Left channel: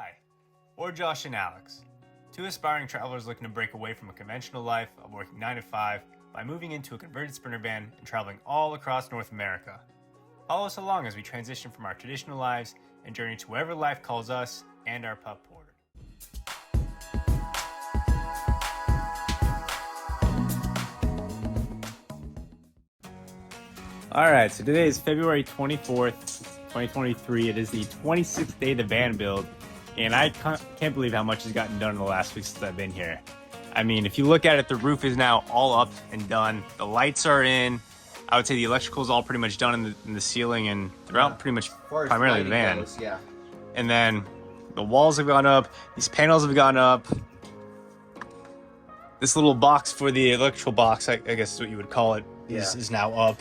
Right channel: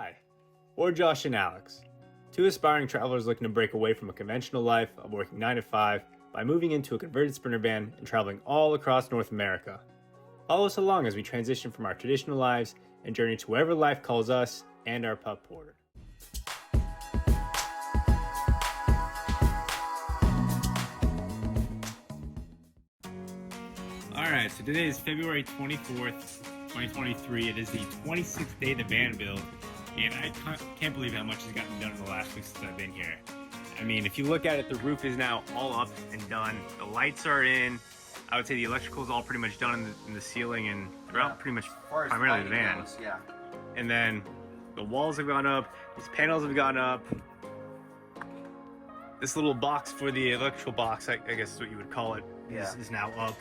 Hi, we're Josh and Alex, two aspiring travelers looking to break away from a conventional life of working 9 to 5 by moving into a converted Sprinter van and traveling all across North America. Follow us along as we transition from our traditional lives and journey to wherever life calls us and our pup Porter. Alright, so today is February 24th, 2023. It is the 26th day of the van build, and I can't believe how much has gotten done in the last week since I've been here. I mean, if you look at it, the roof is now all up and done. The lights are in. I would say the electrical is all pretty much done in the ceiling and throughout pretty much primarily the van. Goes, yeah. And then the walls have gone up. These panels have gone up. This little box for the electrical box, I guess is what you would call it, is now up.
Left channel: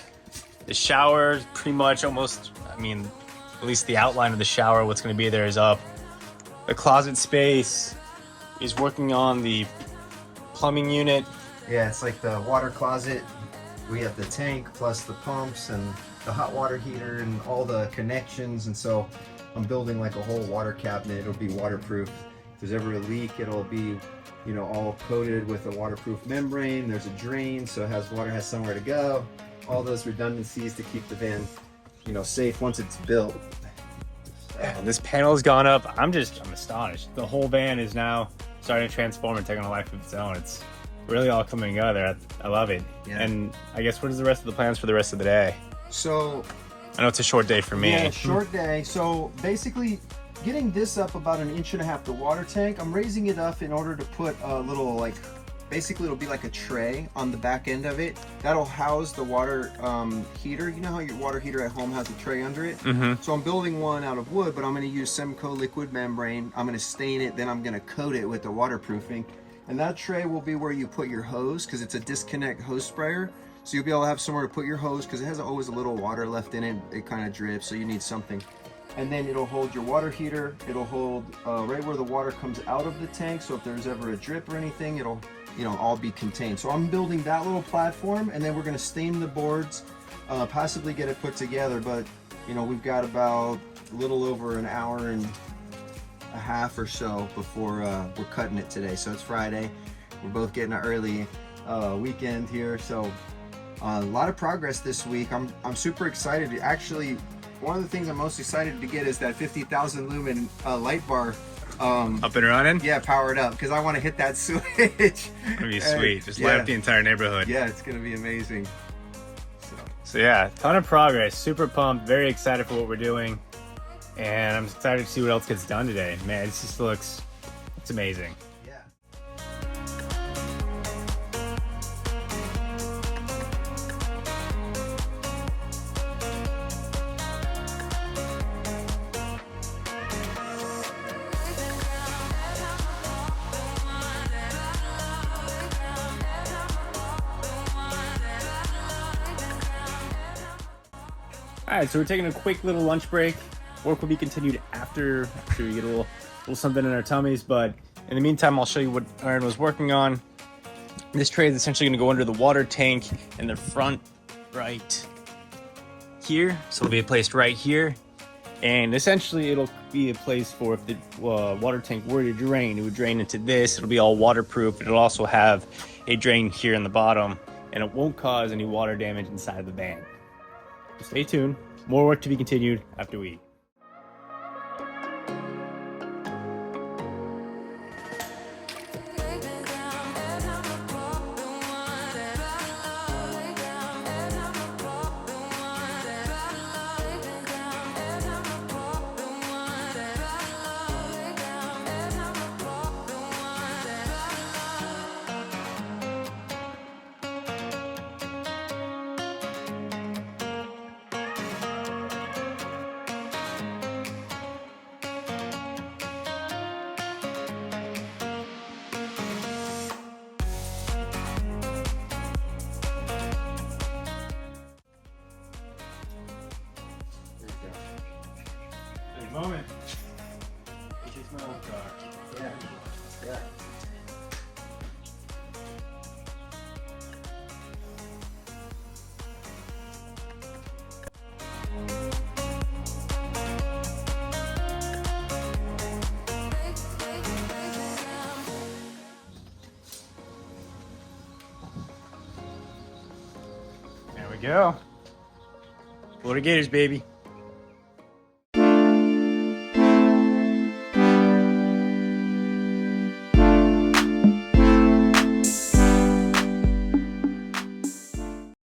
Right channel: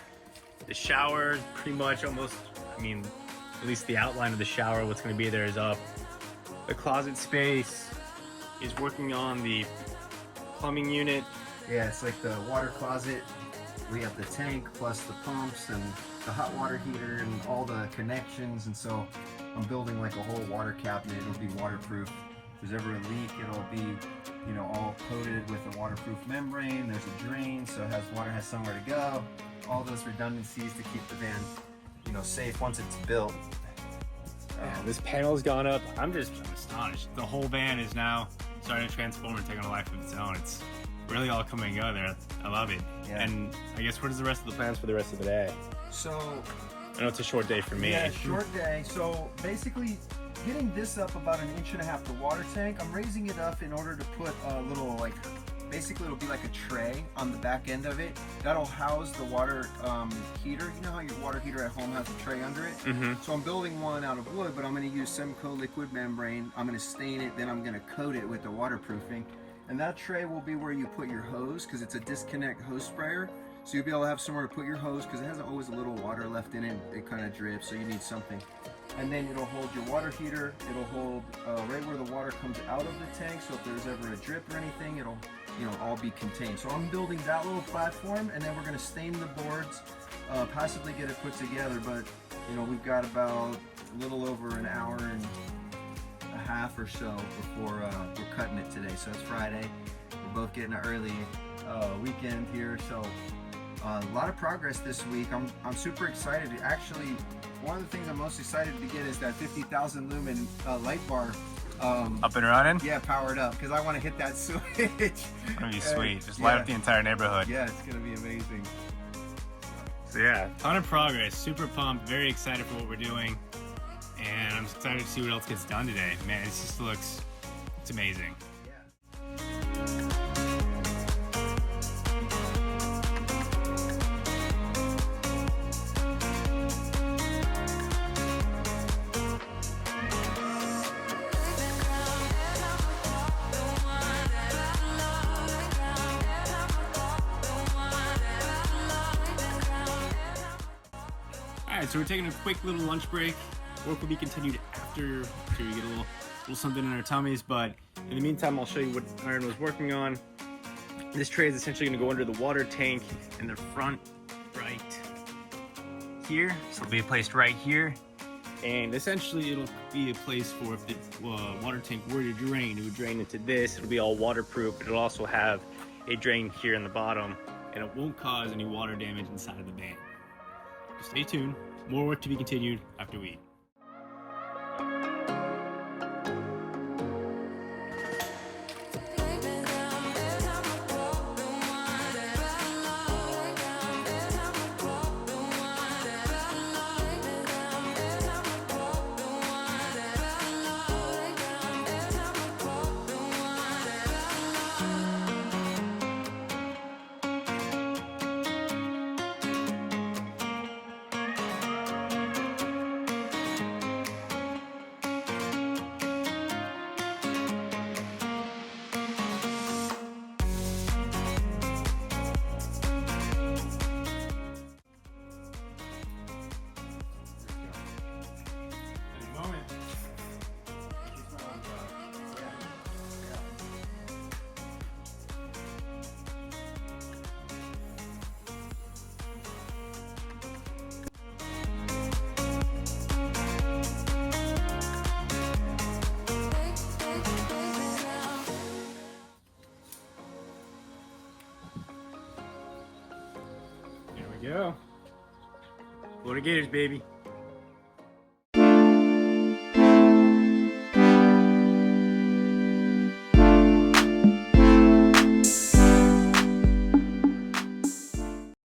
The shower, pretty much almost, I mean, at least the outline of the shower, what's going to be there is up. The closet space is working on the plumbing unit. Yeah, it's like the water closet. We have the tank plus the pumps and the hot water heater and all the connections. And so I'm building like a whole water cabinet. It'll be waterproof. If there's ever a leak, it'll be, you know, all coated with a waterproof membrane. There's a drain, so it has water has somewhere to go. All those redundancies to keep the van, you know, safe once it's built. This panel's gone up. I'm astonished. The whole van is now starting to transform and take on a life of its own. It's really all coming together. I love it. Yeah. And I guess what is the rest of the plans for the rest of the day? So I know it's a short day for me. Yeah, short day. So basically getting this up about 1.5 inches, the water tank, I'm raising it up in order to put a little, like, basically it'll be like a tray on the back end of it. That'll house the water heater. You know how your water heater at home has a tray under it? Mm-hmm. So I'm building one out of wood, but I'm going to use Semco liquid membrane. I'm going to stain it, then I'm going to coat it with the waterproofing. And that tray will be where you put your hose, because it's a disconnect hose sprayer. So you'll be able to have somewhere to put your hose, because it has always a little water left in it. It kind of drips, so you need something. And then it'll hold your water heater. It'll hold right where the water comes out of the tank. So if there's ever a drip or anything, it'll, you know, all be contained. So I'm building that little platform, and then we're gonna stain the boards, possibly get it put together. But you know, we've got about a little over 1.5 hours or so before we're cutting it today. So it's Friday. We're both getting an early weekend here. So a lot of progress this week. I'm super excited. Actually, one of the things I'm most excited to get is that 50,000 lumen light bar. Up and running? Yeah, powered up, because I want to hit that switch. It's gonna be sweet. Just light up the entire neighborhood. Yeah, it's gonna be amazing. So yeah, ton of progress. Super pumped. Very excited for what we're doing, and I'm excited to see what else gets done today. Man, it just looks, it's amazing. Alright, so we're taking a quick little lunch break. Work will be continued after we get a little something in our tummies, but in the meantime, I'll show you what Aaron was working on. This tray is essentially going to go under the water tank in the front right here. So it'll be placed right here. And essentially it'll be a place for if the water tank were to drain, it would drain into this. It'll be all waterproof. It'll also have a drain here in the bottom, and it won't cause any water damage inside the van. Stay tuned. More work to be continued after we eat. Moment. we go. Florida Gators, baby.